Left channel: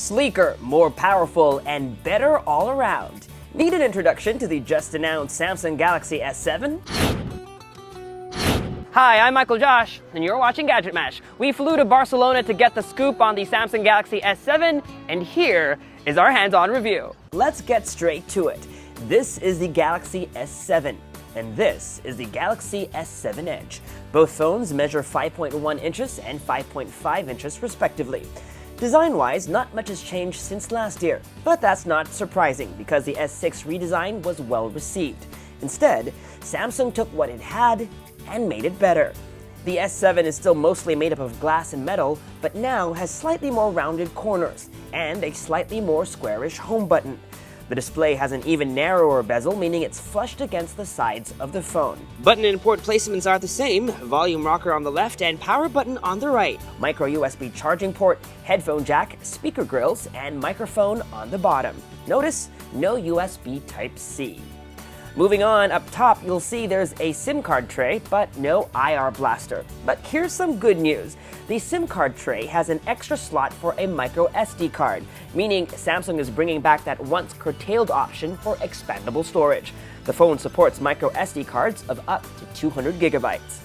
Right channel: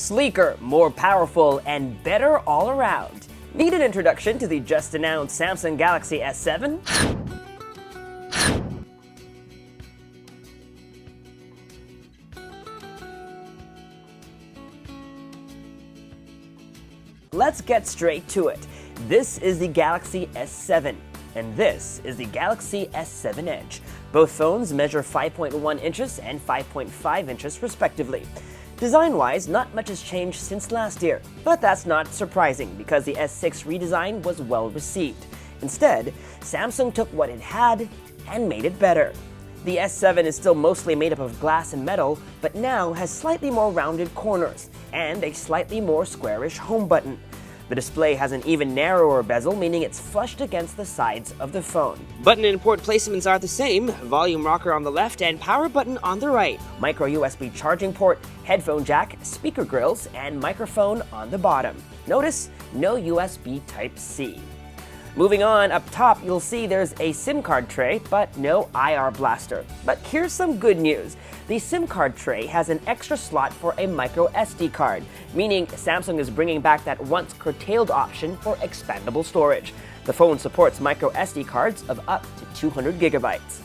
Sleeker, more powerful, and better all around. Need an introduction to the just-announced Samsung Galaxy S7? Hi, I'm Michael Josh, and you're watching GadgetMatch. We flew to Barcelona to get the scoop on the Samsung Galaxy S7, and here is our hands-on review. Let's get straight to it. This is the Galaxy S7, and this is the Galaxy S7 Edge. Both phones measure 5.1 inches and 5.5 inches respectively. Design-wise, not much has changed since last year, but that's not surprising because the S6 redesign was well received. Instead, Samsung took what it had and made it better. The S7 is still mostly made up of glass and metal, but now has slightly more rounded corners and a slightly more squarish home button. The display has an even narrower bezel, meaning it's flushed against the sides of the phone. Button and port placements are the same, volume rocker on the left and power button on the right. Micro USB charging port, headphone jack, speaker grills, and microphone on the bottom. Notice, no USB Type-C. Moving on, up top you'll see there's a SIM card tray, but no IR blaster. But here's some good news. The SIM card tray has an extra slot for a microSD card, meaning Samsung is bringing back that once curtailed option for expandable storage. The phone supports microSD cards of up to 200 gigabytes.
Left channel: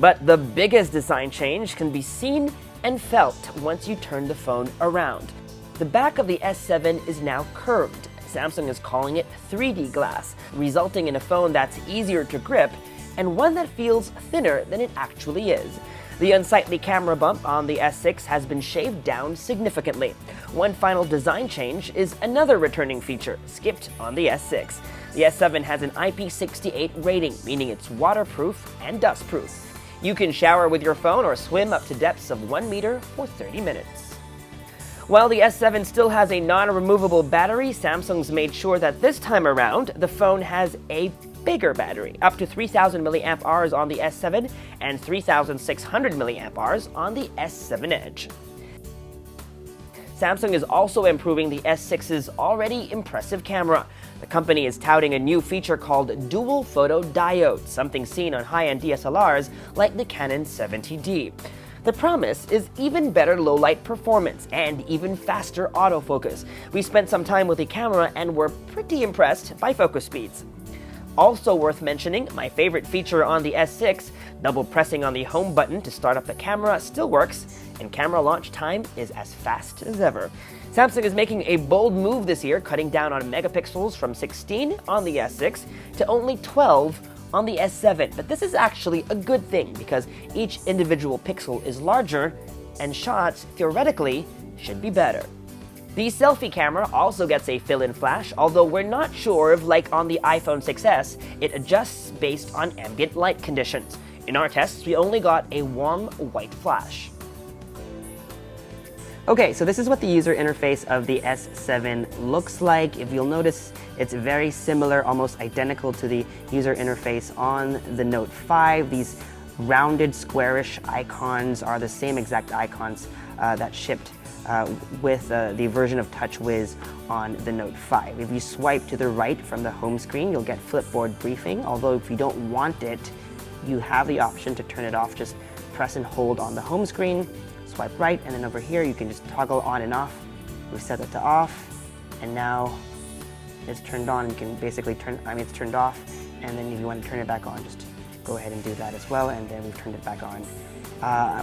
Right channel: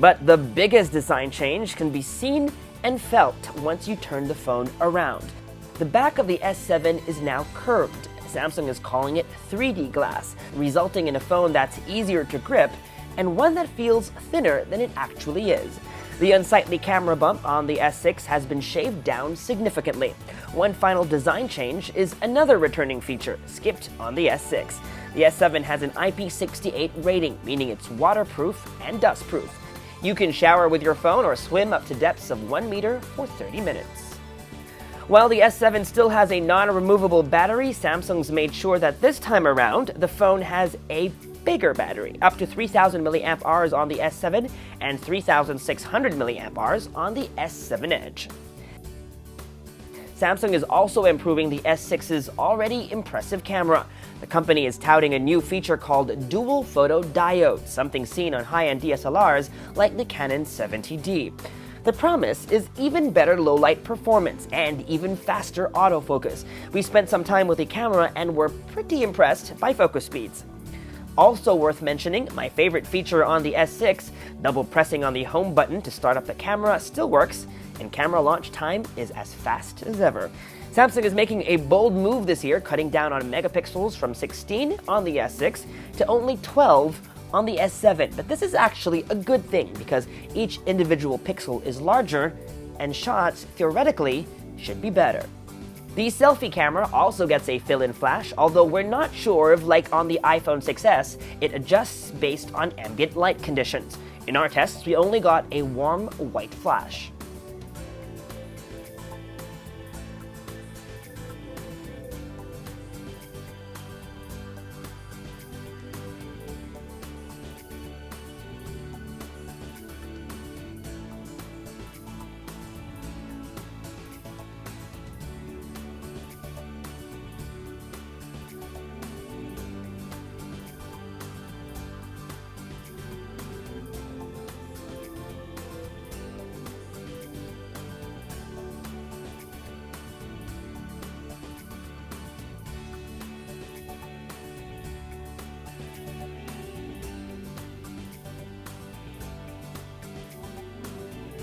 But the biggest design change can be seen and felt once you turn the phone around. The back of the S7 is now curved. Samsung is calling it 3D glass, resulting in a phone that's easier to grip and one that feels thinner than it actually is. The unsightly camera bump on the S6 has been shaved down significantly. One final design change is another returning feature, skipped on the S6. The S7 has an IP68 rating, meaning it's waterproof and dustproof. You can shower with your phone or swim up to depths of 1 meter for 30 minutes. While the S7 still has a non-removable battery, Samsung's made sure that this time around, the phone has a bigger battery, up to 3,000 mAh on the S7 and 3,600 mAh on the S7 Edge. Samsung is also improving the S6's already impressive camera. The company is touting a new feature called dual photo diode, something seen on high-end DSLRs like the Canon 70D. The promise is even better low-light performance and even faster autofocus. We spent some time with the camera and were pretty impressed by focus speeds. Also worth mentioning, my favorite feature on the S6, double pressing on the home button to start up the camera still works, and camera launch time is as fast as ever. Samsung is making a bold move this year, cutting down on megapixels from 16 on the S6 to only 12 on the S7, but this is actually a good thing because each individual pixel is larger and shots, theoretically, should be better. The selfie camera also gets a fill-in flash, although we're not sure if, like on the iPhone 6s, it adjusts based on ambient light conditions. In our tests, we only got a warm white flash. Okay, so this is what the user interface of the S7 looks like. If you'll notice, it's very similar, almost identical to the user interface on the Note 5. These rounded, squarish icons are the same exact icons that shipped with the version of TouchWiz on the Note 5. If you swipe to the right from the home screen, you'll get Flipboard Briefing, although if you don't want it, you have the option to turn it off. Just press and hold on the home screen, swipe right, and then over here you can just toggle on and off. We set it to off, and now it's turned on. You can basically it's turned off, and then if you want to turn it back on, just go ahead and do that as well, and then we've turned it back on.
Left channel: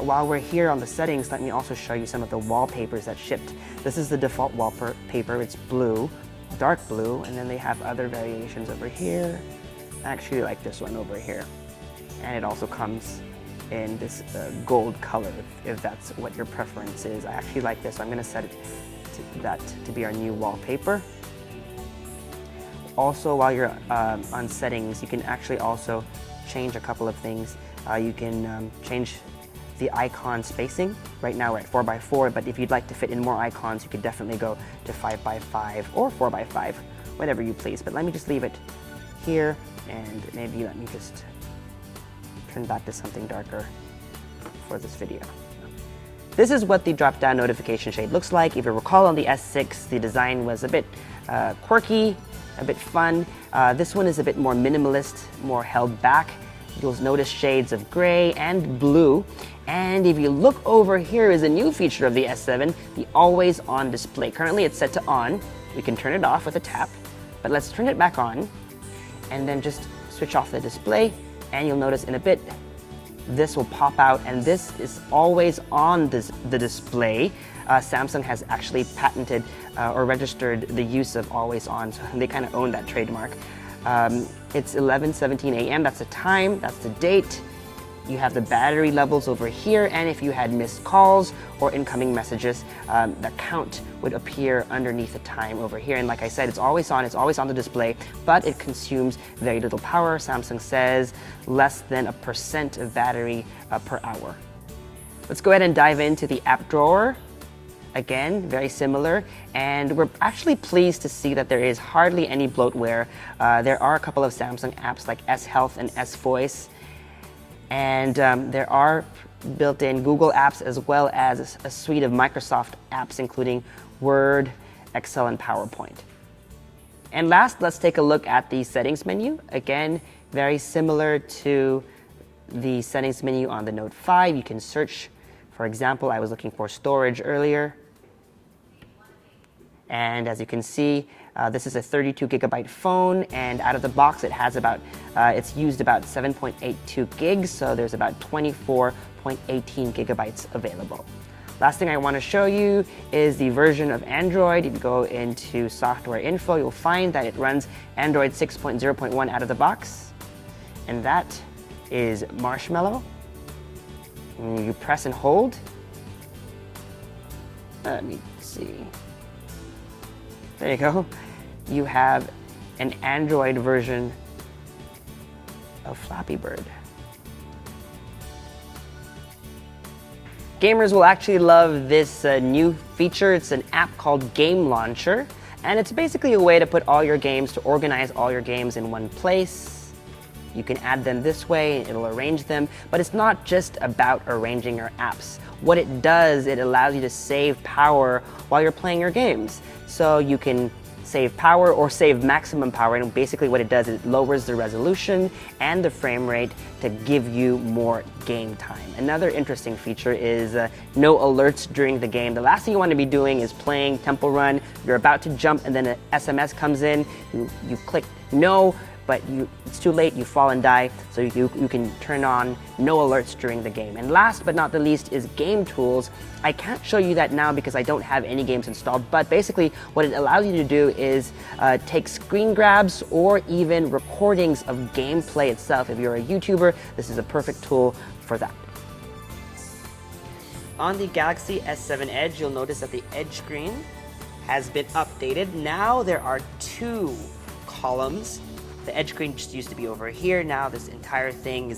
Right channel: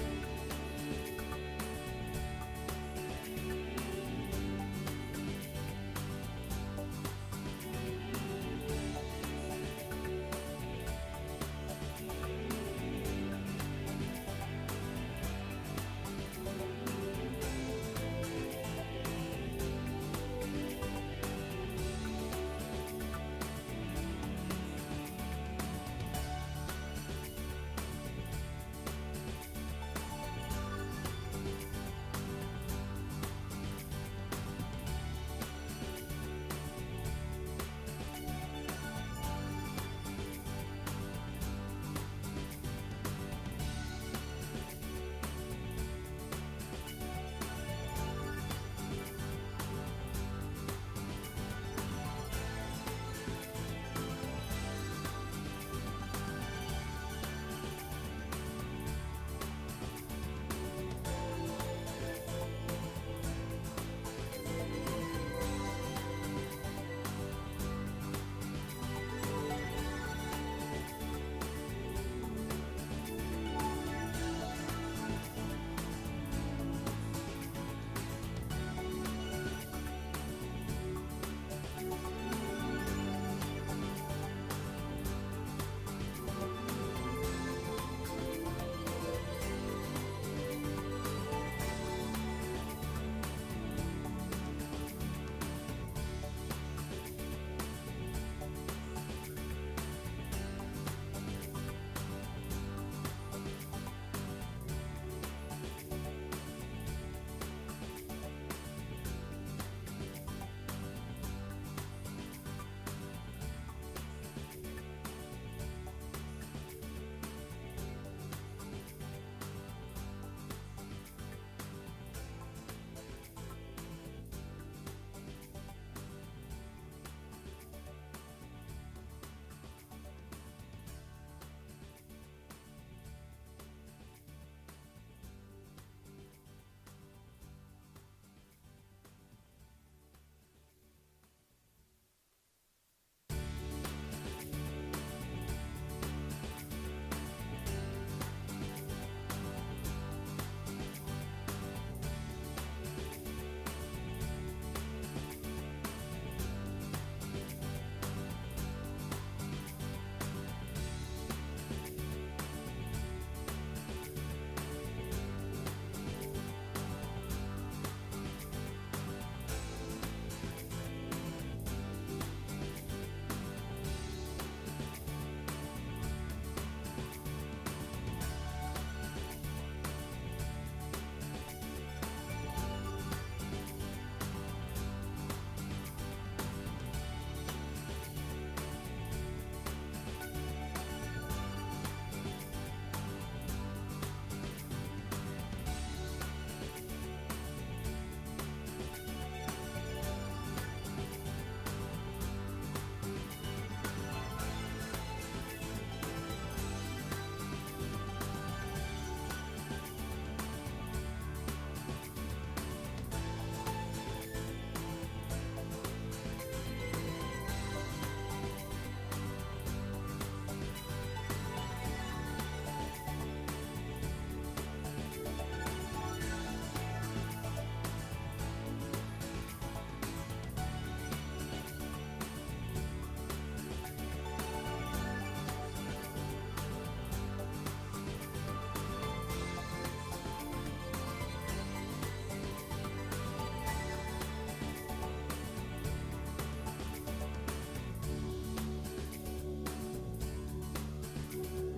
While we're here on the settings, let me also show you some of the wallpapers that shipped. This is the default wallpaper. It's blue, dark blue, and then they have other variations over here. I actually like this one over here, and it also comes in this gold color, if that's what your preference is. I actually like this, so I'm going to set it to be our new wallpaper. Also, while you're on settings, you can actually also change a couple of things. You can change the icon spacing. Right now we're at 4x4, but if you'd like to fit in more icons, you could definitely go to 5x5 or 4x5, whatever you please. But let me just leave it here, and maybe let me just turn that to something darker for this video. This is what the drop-down notification shade looks like. If you recall, on the S6, the design was a bit quirky, a bit fun. This one is a bit more minimalist, more held back. You'll notice shades of gray and blue. And if you look over here is a new feature of the S7, the always on display. Currently it's set to on. We can turn it off with a tap, but let's turn it back on and then just switch off the display, and you'll notice in a bit this will pop out, and this is always on the display. Samsung has actually patented or registered the use of always on, so they kind of own that trademark. It's 11:17 a.m. That's the time, that's the date. You have the battery levels over here, and if you had missed calls or incoming messages, the count would appear underneath the time over here. And like I said, it's always on the display, but it consumes very little power. Samsung says less than 1% of battery per hour. Let's go ahead and dive into the app drawer. Again, very similar, and we're actually pleased to see that there is hardly any bloatware. There are a couple of Samsung apps like S Health and S Voice, and there are built-in Google apps as well as a suite of Microsoft apps, including Word, Excel, and PowerPoint. And last, let's take a look at the settings menu. Again, very similar to the settings menu on the Note 5. You can search, for example, I was looking for storage earlier. And as you can see, this is a 32 gigabyte phone, and out of the box it has it's used about 7.82 gigs, so there's about 24.18 gigabytes available. Last thing I want to show you is the version of Android. If you go into software info, you'll find that it runs Android 6.0.1 out of the box, and that is Marshmallow. And you press and hold. Let me see. There you go. You have an Android version of Flappy Bird. Gamers will actually love this new feature. It's an app called Game Launcher, and it's basically a way to put all your games, to organize all your games in one place. You can add them this way, it'll arrange them, but it's not just about arranging your apps. What it does, it allows you to save power while you're playing your games. So you can save power or save maximum power, and basically what it does is it lowers the resolution and the frame rate to give you more game time. Another interesting feature is no alerts during the game. The last thing you want to be doing is playing Temple Run, you're about to jump and then an SMS comes in, you click no, but it's too late, you fall and die, so you can turn on no alerts during the game. And last but not the least is game tools. I can't show you that now because I don't have any games installed, but basically what it allows you to do is take screen grabs or even recordings of gameplay itself. If you're a YouTuber, this is a perfect tool for that. On the Galaxy S7 Edge, you'll notice that the Edge screen has been updated. Now there are 2 columns. The Edge screen just used to be over here. Now this entire thing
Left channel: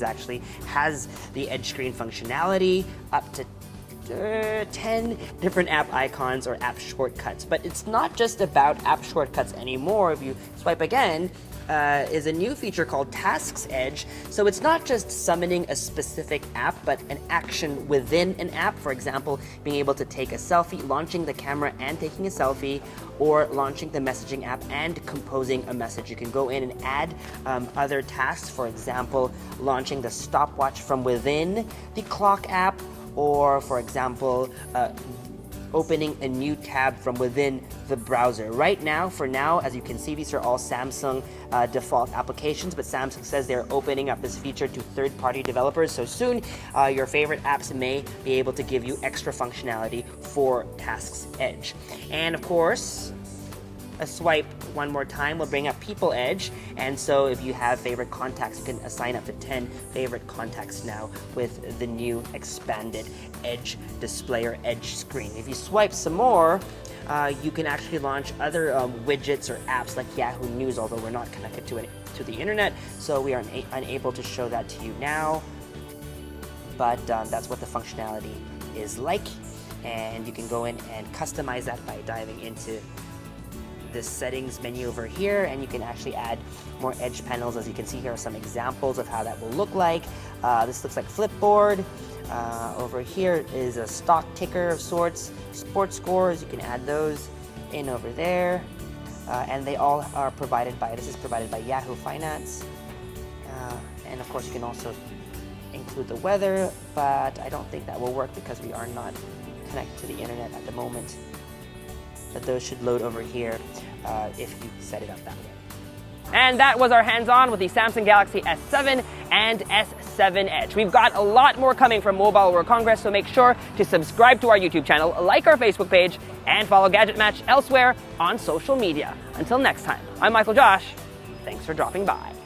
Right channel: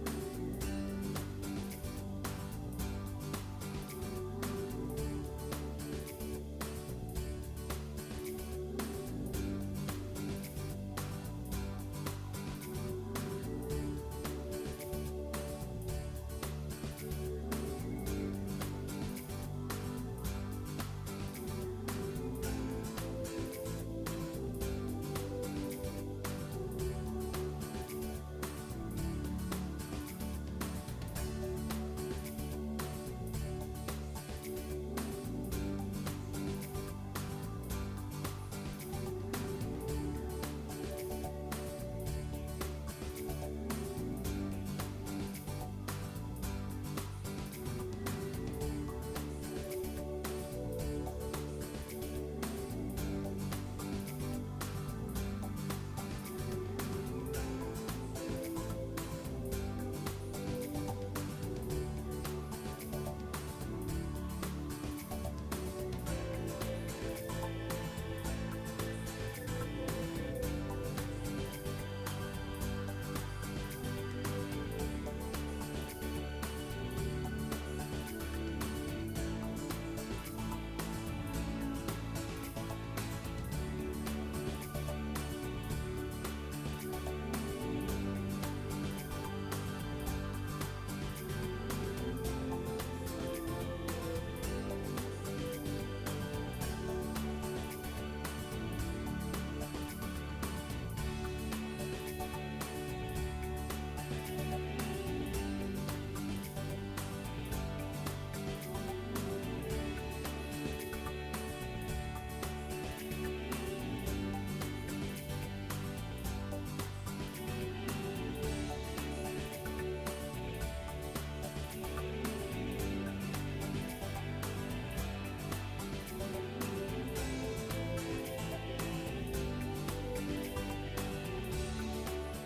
has the Edge screen functionality, up to 10 different app icons or app shortcuts. But it's not just about app shortcuts anymore. If you swipe again, is a new feature called Tasks Edge. So it's not just summoning a specific app, but an action within an app. For example, being able to take a selfie, launching the camera and taking a selfie, or launching the messaging app and composing a message. You can go in and add other tasks, for example, launching the stopwatch from within the clock app, or for example, opening a new tab from within the browser. Right now, for now, as you can see, these are all Samsung default applications, but Samsung says they're opening up this feature to third-party developers, so soon your favorite apps may be able to give you extra functionality for Tasks Edge. And of course, a swipe one more time will bring up People Edge, and so if you have favorite contacts, you can assign up to 10 favorite contacts now with the new expanded Edge display or Edge screen. If you swipe some more, you can actually launch other widgets or apps like Yahoo News, although we're not connected to the internet, so we are unable to show that to you now. But that's what the functionality is like, and you can go in and customize that by diving into this settings menu over here, and you can actually add more Edge panels. As you can see, here are some examples of how that will look like. This looks like Flipboard. Over here is a stock ticker of sorts, sports scores. You can add those in over there, and they all are provided by, this is provided by Yahoo Finance, and of course you can also include the weather, but I don't think that will work because we are not connected to the internet at the moment. But those should load over here if you set it up that way. And that was our hands-on with the Samsung Galaxy S7 and S7 Edge. We've got a lot more coming from Mobile World Congress, so make sure to subscribe to our YouTube channel, like our Facebook page, and follow GadgetMatch elsewhere on social media. Until next time, I'm Michael Josh. Thanks for dropping by.